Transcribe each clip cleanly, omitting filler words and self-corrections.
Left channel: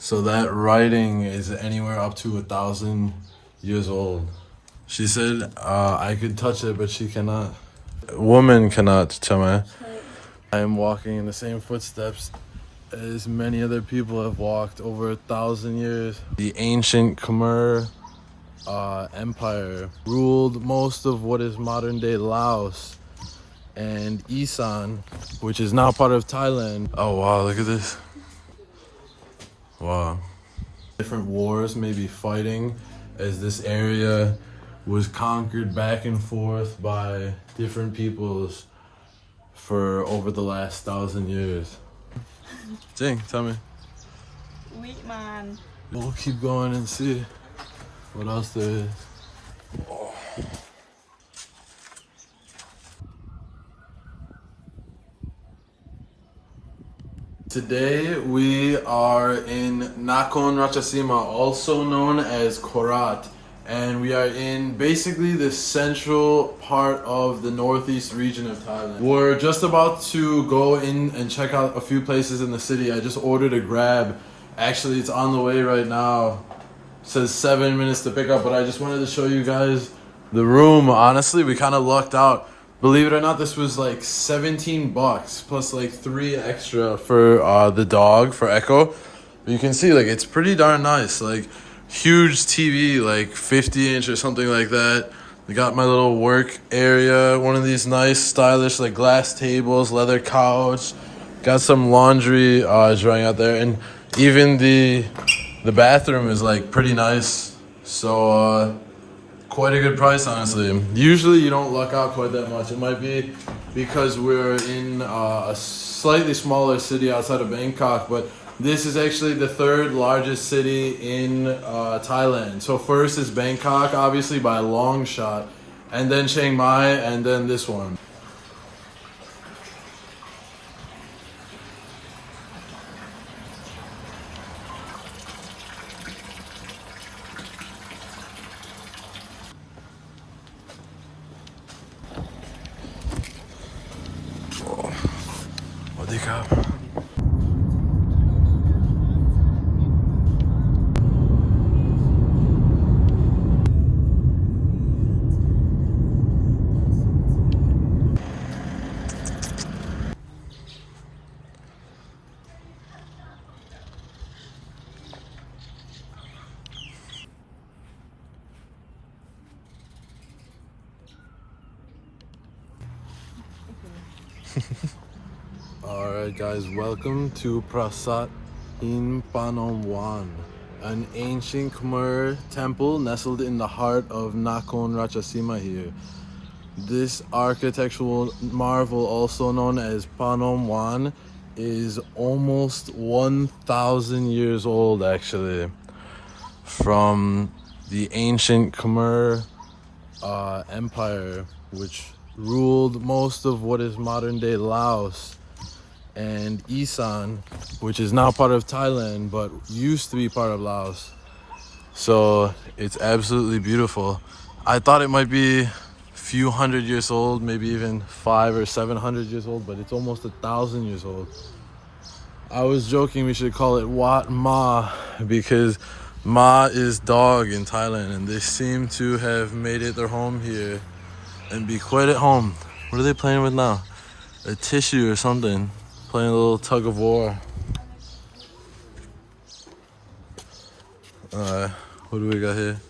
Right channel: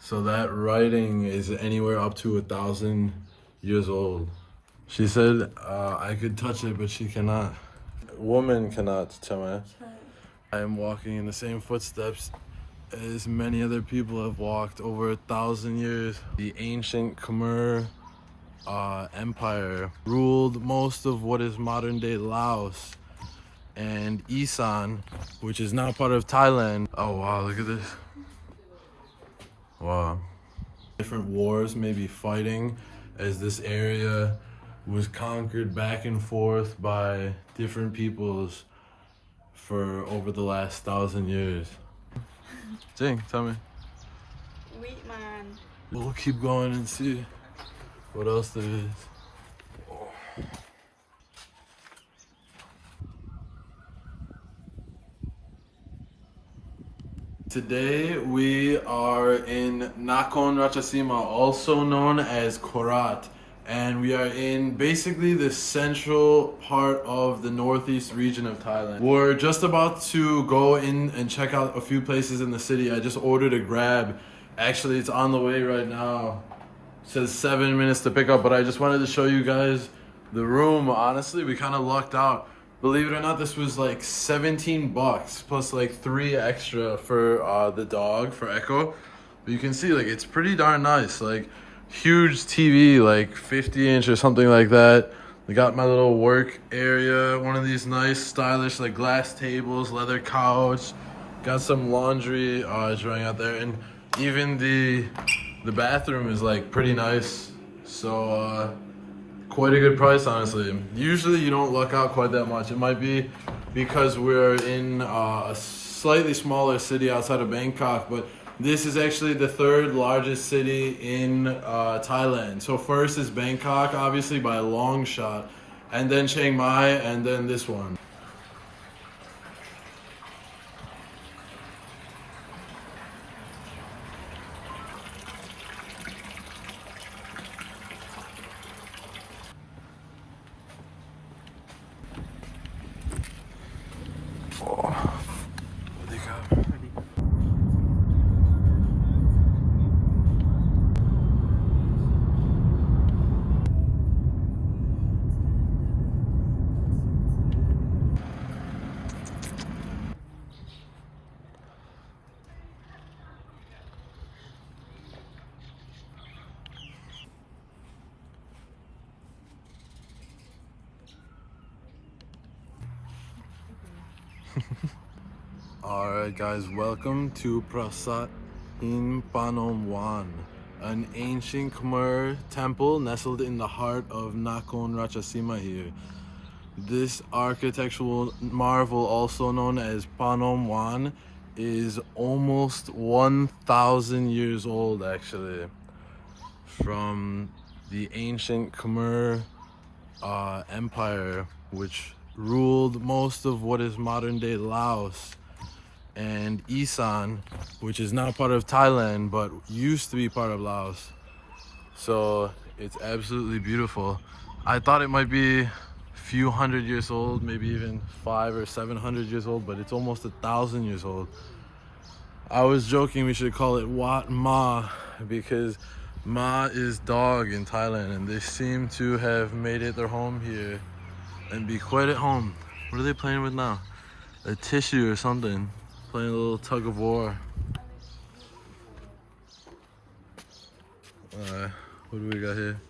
So that writing is anywhere up to 1,000 years old. She said I could touch it, but she cannot. Woman cannot, Chama. I am walking in the same footsteps as many other people have walked over 1,000 years. The ancient Khmer Empire ruled most of what is modern day Laos and Isan, which is now part of Thailand. Oh wow, look at this. Wow. Different wars may be fighting as this area was conquered back and forth by different peoples for over the last 1,000 years. Jing, tell me. Wheat man. We'll keep going and see what else there is. Oh. Today we are in Nakhon Ratchasima, also known as Korat, and we are in basically the central part of the northeast region of Thailand. We're just about to go in and check out a few places in the city. I just ordered a Grab. Actually, it's on the way right now. It says 7 minutes to pick up, but I just wanted to show you guys the room. Honestly, we kind of lucked out. Believe it or not, this was like 17 bucks plus like 3 extra for the dog, for Echo. But you can see like it's pretty darn nice. Like huge TV, like 50-inch or something like that. We got my little work area, one of these nice stylish like glass tables, leather couch. Got some laundry drying out there, and even the bathroom is like pretty nice. So quite a good price, honestly. Usually you don't luck out quite that much. It might be because we're in a slightly smaller city outside of Bangkok, but this is actually the 3rd largest city in Thailand. So first is Bangkok, obviously by a long shot, and then Chiang Mai, and then this one. Alright guys, welcome to Prasat in Panom Wan, an ancient Khmer temple nestled in the heart of Nakhon Ratchasima here. This architectural marvel, also known as Panom Wan, is almost 1,000 years old actually, from the ancient Khmer Empire, which ruled most of what is modern day Laos and Isan, which is now part of Thailand but used to be part of Laos. So it's absolutely beautiful. I thought it might be a few hundred years old, maybe even 500 or 700 years old, but it's almost 1,000 years old. I was joking we should call it Wat Ma, because Ma is dog in Thailand, and they seem to have made it their home here and be quite at home. What are they playing with now? A tissue or something. Playing a little tug of war. What do we got here?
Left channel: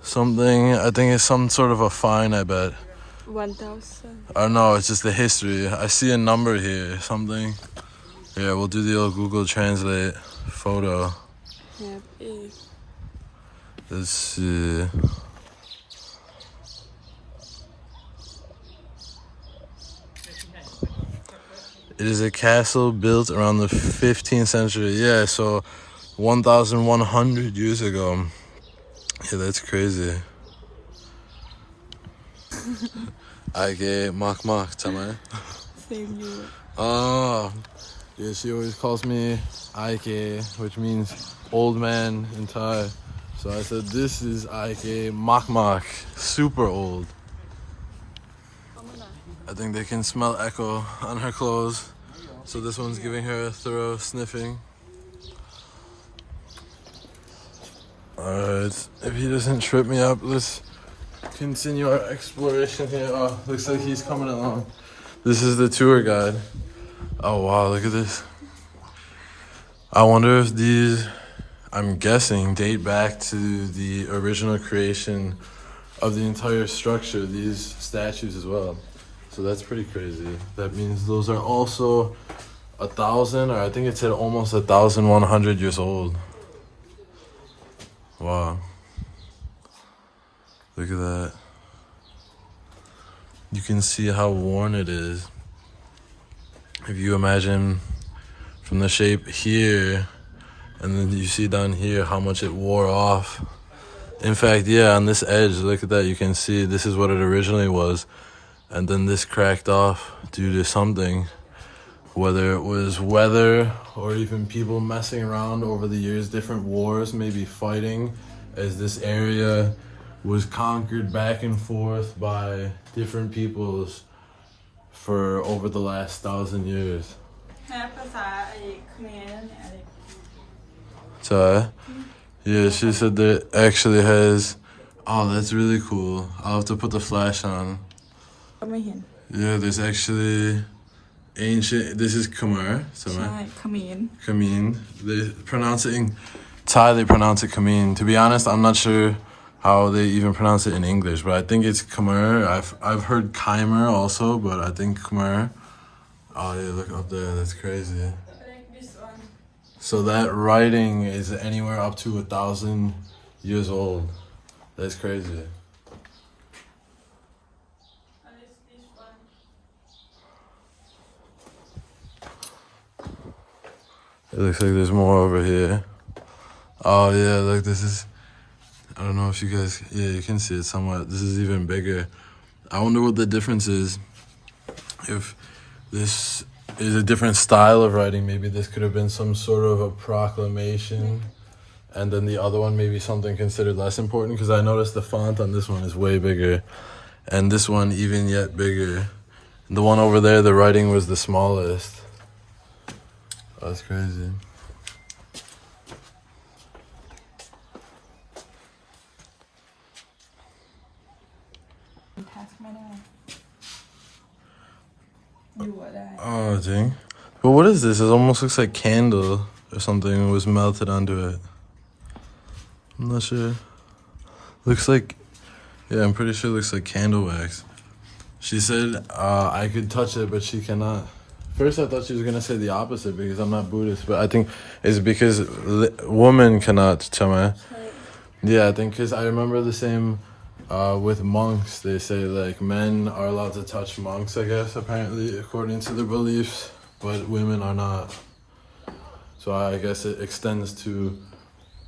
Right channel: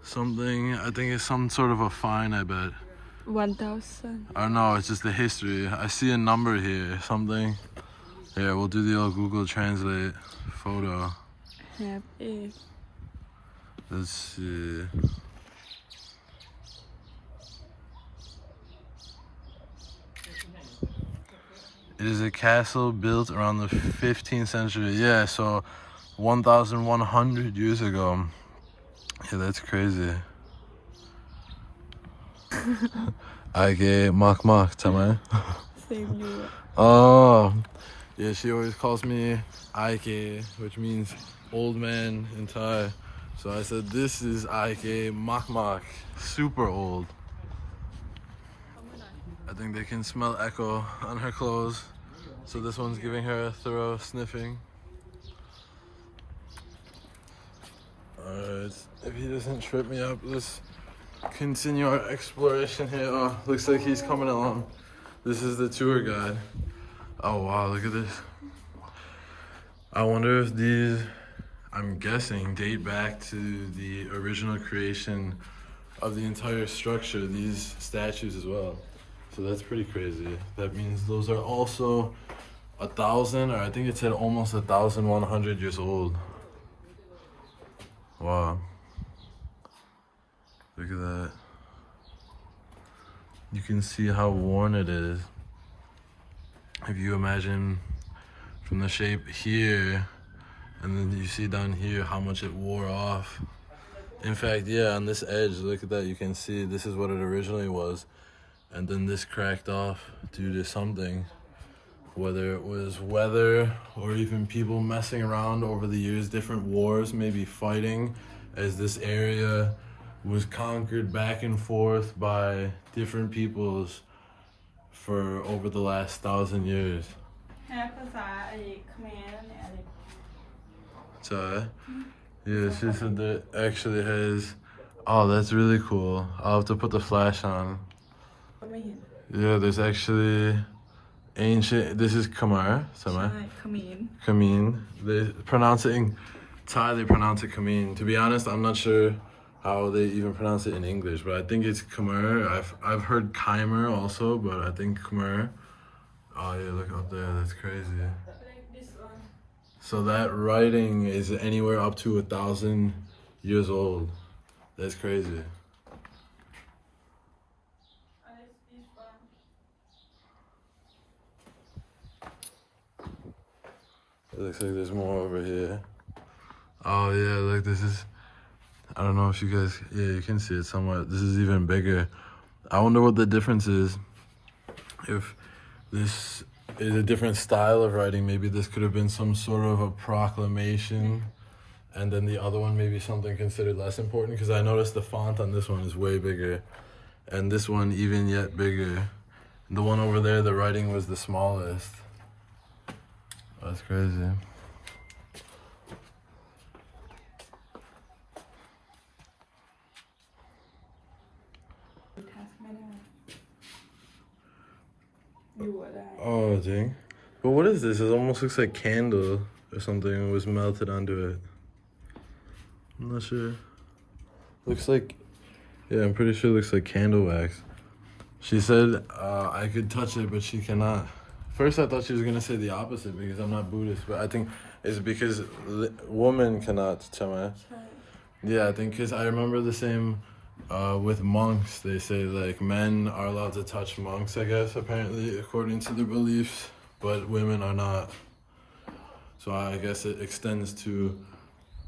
Something, I think it's some sort of a fine, I bet. 1,000. Or no, it's just the history. I see a number here, something. Yeah, we'll do the old Google Translate photo. Let's see. It is a castle built around the 15th century. Yeah, so 1,100 years ago. Yeah, that's crazy. Mak mak, chama. Same you. Oh, yeah, she always calls me Ike, which means old man in Thai. So I said, this is Ike mak mak, super old. I think they can smell Echo on her clothes. So this one's giving her a thorough sniffing. Alright, if he doesn't trip me up, let's continue our exploration here. Oh, looks like he's coming along. This is the tour guide. Oh wow, look at this. I wonder if these, I'm guessing, date back to the original creation of the entire structure, these statues as well. So that's pretty crazy. That means those are also 1,000, or I think it said almost 1,100 years old. Wow. Look at that. You can see how worn it is. If you imagine from the shape here, and then you see down here how much it wore off. In fact, yeah, on this edge, look at that, you can see this is what it originally was. And then this cracked off due to something, whether it was weather or even people messing around over the years, different wars, maybe fighting, as this area was conquered back and forth by different peoples for over the last 1,000 years. So, yeah, she said that actually has, oh, that's really cool. I'll have to put the flash on. Yeah, there's actually ancient, this is Khmer, Khmer. They pronounce it in Thai, they pronounce it Khmer. To be honest, I'm not sure how they even pronounce it in English, but I think it's Khmer. I've heard Khmer also, but I think Khmer. Oh yeah, look up there, that's crazy. So that writing is anywhere up to 1,000 years old. That's crazy. It looks like there's more over here. Oh yeah, look, this is, I don't know if you guys, yeah, you can see it somewhat. This is even bigger. I wonder what the difference is. If this is a different style of writing, maybe this could have been some sort of a proclamation, and then the other one maybe something considered less important, because I noticed the font on this one is way bigger, and this one even yet bigger. And the one over there, the writing was the smallest. That's crazy. Oh, dang. But what is this? It almost looks like candle or something was melted onto it. I'm not sure. Looks like, yeah, I'm pretty sure it looks like candle wax. She said I could touch it, but she cannot. First I thought she was going to say the opposite because I'm not Buddhist, but I think it's because women cannot chama. Yeah, I think because I remember the same with monks. They say like men are allowed to touch monks, I guess, apparently, according to the beliefs, but women are not. So I guess it extends to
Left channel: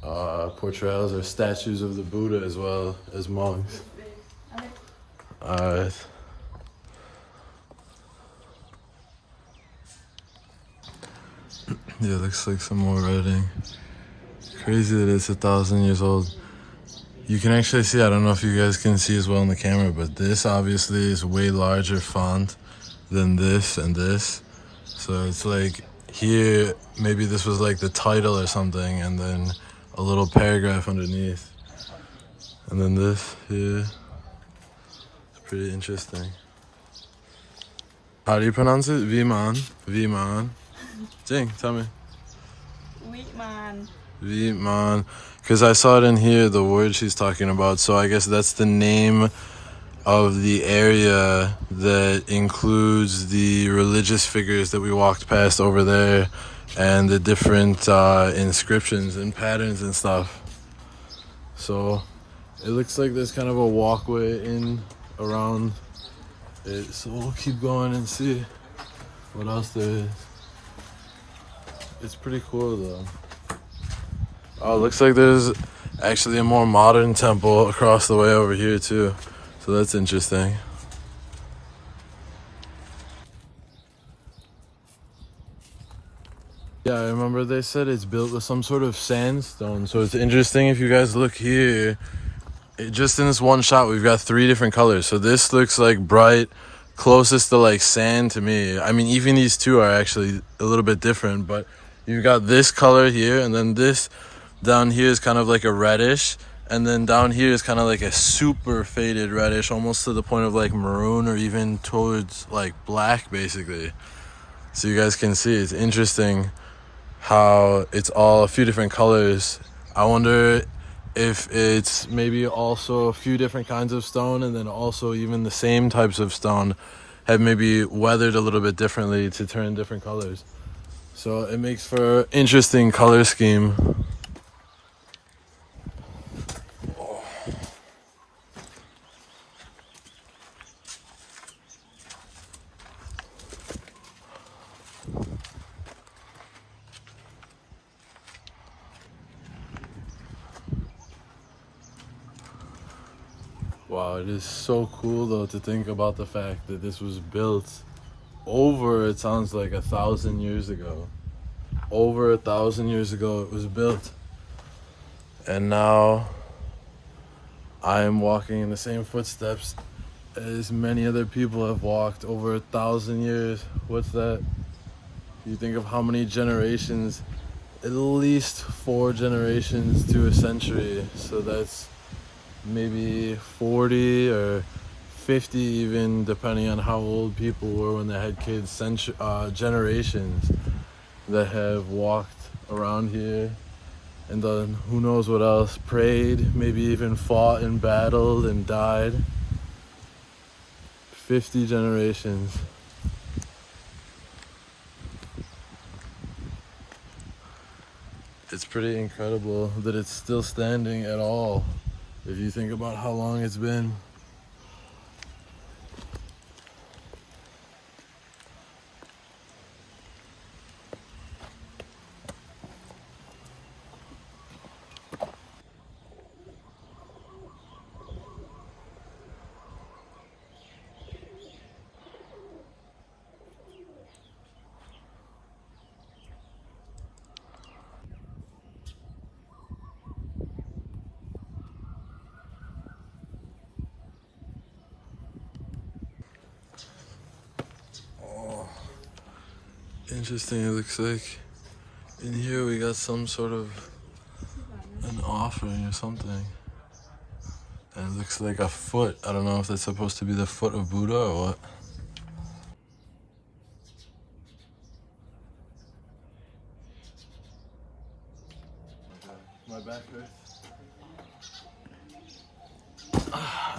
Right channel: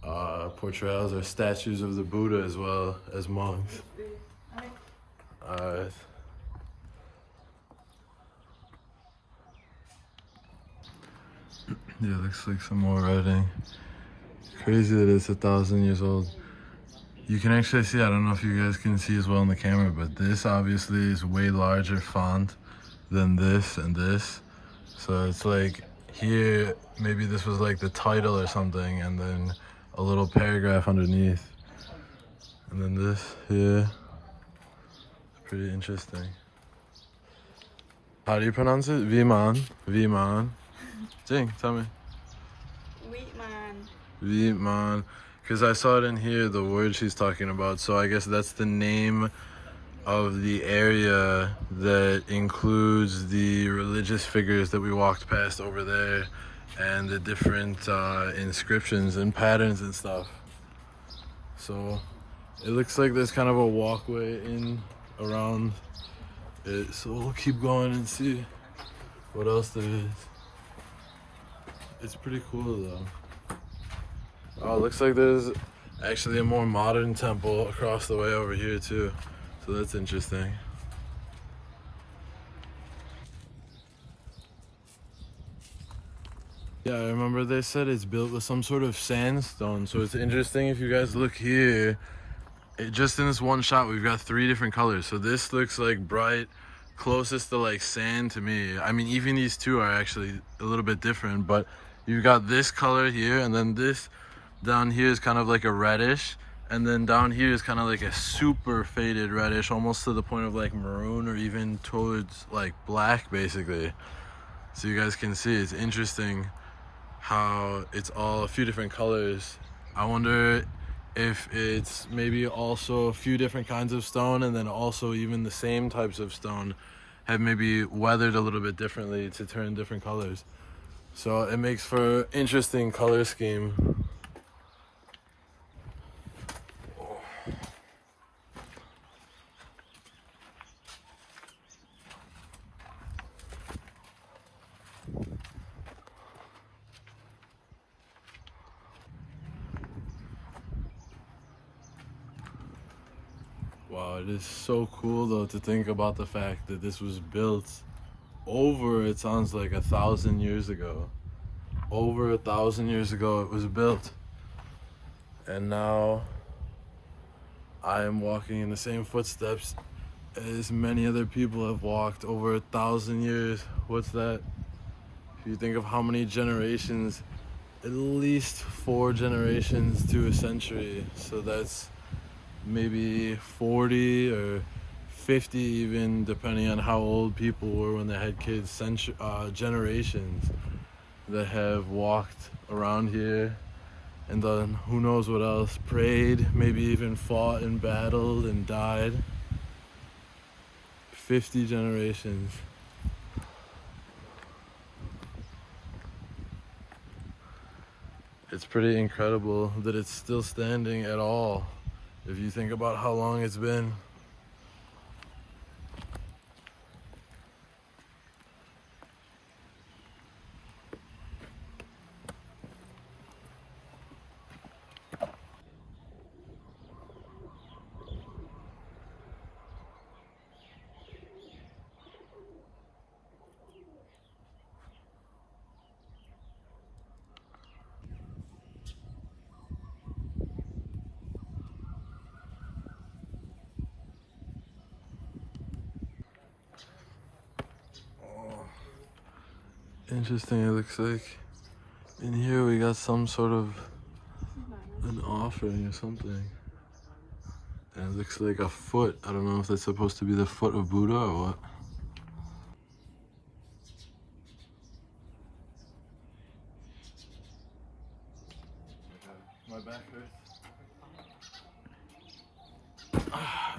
portrayals or statues of the Buddha as well as monks. Alright. Yeah, looks like some more writing. Crazy that it's 1,000 years old. You can actually see, I don't know if you guys can see as well in the camera, but this obviously is way larger font than this and this. So it's like here, maybe this was like the title or something, and then a little paragraph underneath. And then this here. It's pretty interesting. How do you pronounce it? Viman. Viman. Jing, tell me. Viman. Because I saw it in here, the word she's talking about. So I guess that's the name of the area that includes the religious figures that we walked past over there and the different inscriptions and patterns and stuff. So it looks like there's kind of a walkway in around it. So we'll keep going and see what else there is. It's pretty cool though. Oh, it looks like there's actually a more modern temple across the way over here too. So that's interesting. Yeah, I remember they said it's built with some sort of sandstone. So it's interesting if you guys look here, just in this one shot, we've got 3 different colors. So this looks like bright, closest to like sand to me. I mean, even these two are actually a little bit different, but you've got this color here and then this Down here is kind of like a reddish, and then down here is kind of like a super faded reddish, almost to the point of like maroon or even towards like black basically. So you guys can see it's interesting how it's all a few different colors. I wonder if it's maybe also a few different kinds of stone, and then also even the same types of stone have maybe weathered a little bit differently to turn different colors. So it makes for interesting color scheme. Wow, it is so cool though to think about the fact that this was built over, it sounds like 1,000 years ago. Over 1,000 years ago it was built. And now I am walking in the same footsteps as many other people have walked over 1,000 years. What's that? If you think of how many generations, at least 4 generations to a century. So that's maybe 40 or 50 even, depending on how old people were when they had kids, generations that have walked around here and done who knows what else, prayed, maybe even fought and battled and died. 50 generations. It's pretty incredible that it's still standing at all, if you think about how long it's been. Interesting, it looks like in here we got some sort of an offering or something. And it looks like a foot. I don't know if that's supposed to be the foot of Buddha or what. My back hurts.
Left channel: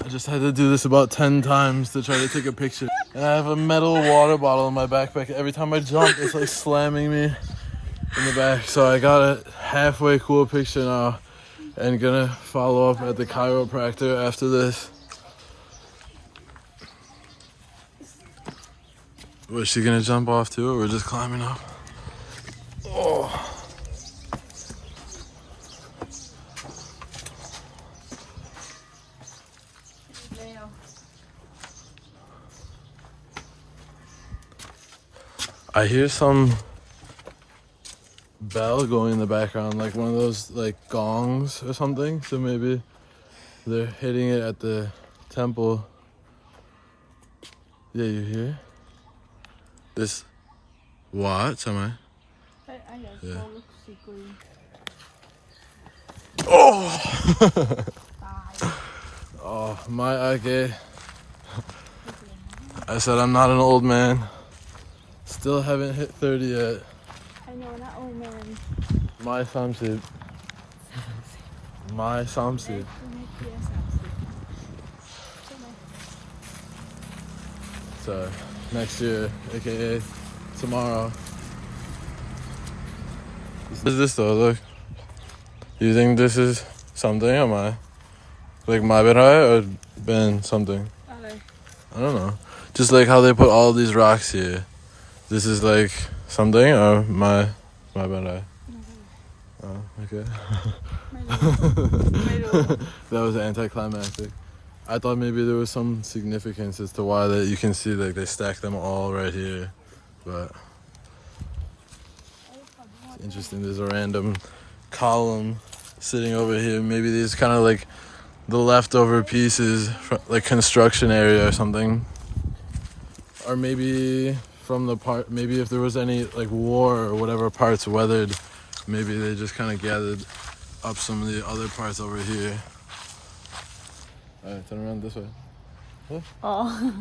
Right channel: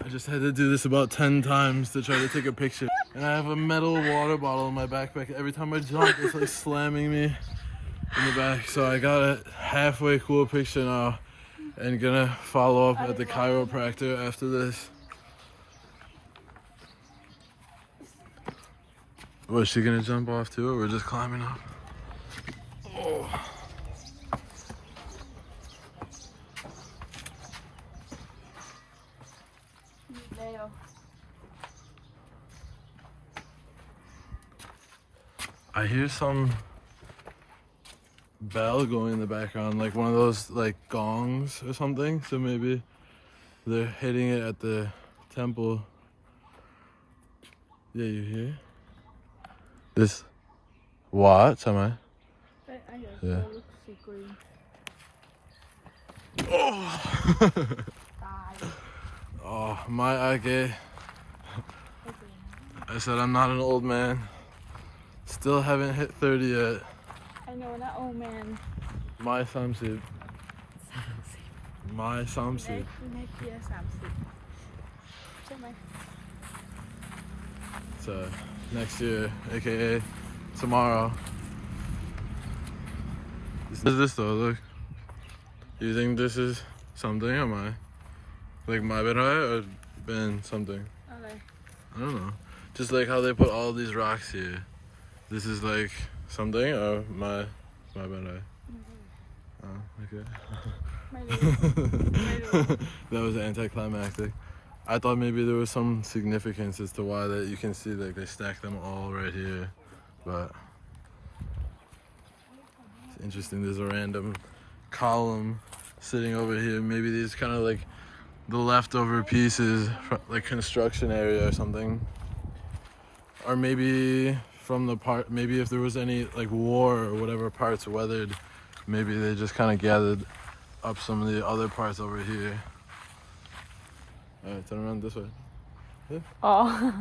I just had to do this about 10 times to try to take a picture. And I have a metal water bottle in my backpack. Every time I jump, it's like slamming me in the back. So I got a halfway cool picture now and gonna follow up at the chiropractor after this. Was she gonna jump off too, or we're just climbing up? Oh. I hear some bell going in the background, like one of those like gongs or something. So maybe they're hitting it at the temple. Yeah, you hear? This what? Am I? Yeah. Oh! Oh, my age. I said I'm not an old man. Still haven't hit 30 yet. I know, not old man. My samsid. My samsid. So next year, aka tomorrow. What is this though? Look. You think this is something or my? Like my berai or Ben something? I don't know. Just like how they put all these rocks here. This is like something or my berai? Oh, okay. That was anticlimactic. I thought maybe there was some significance as to why that you can see like they stack them all right here, but it's interesting. There's a random column sitting over here. Maybe these kind of like the leftover pieces from like construction area or something, or maybe from the part. Maybe if there was any like war or whatever parts weathered, maybe they just kind of gathered up some of the other parts over here. Alright, turn around this way. Oh.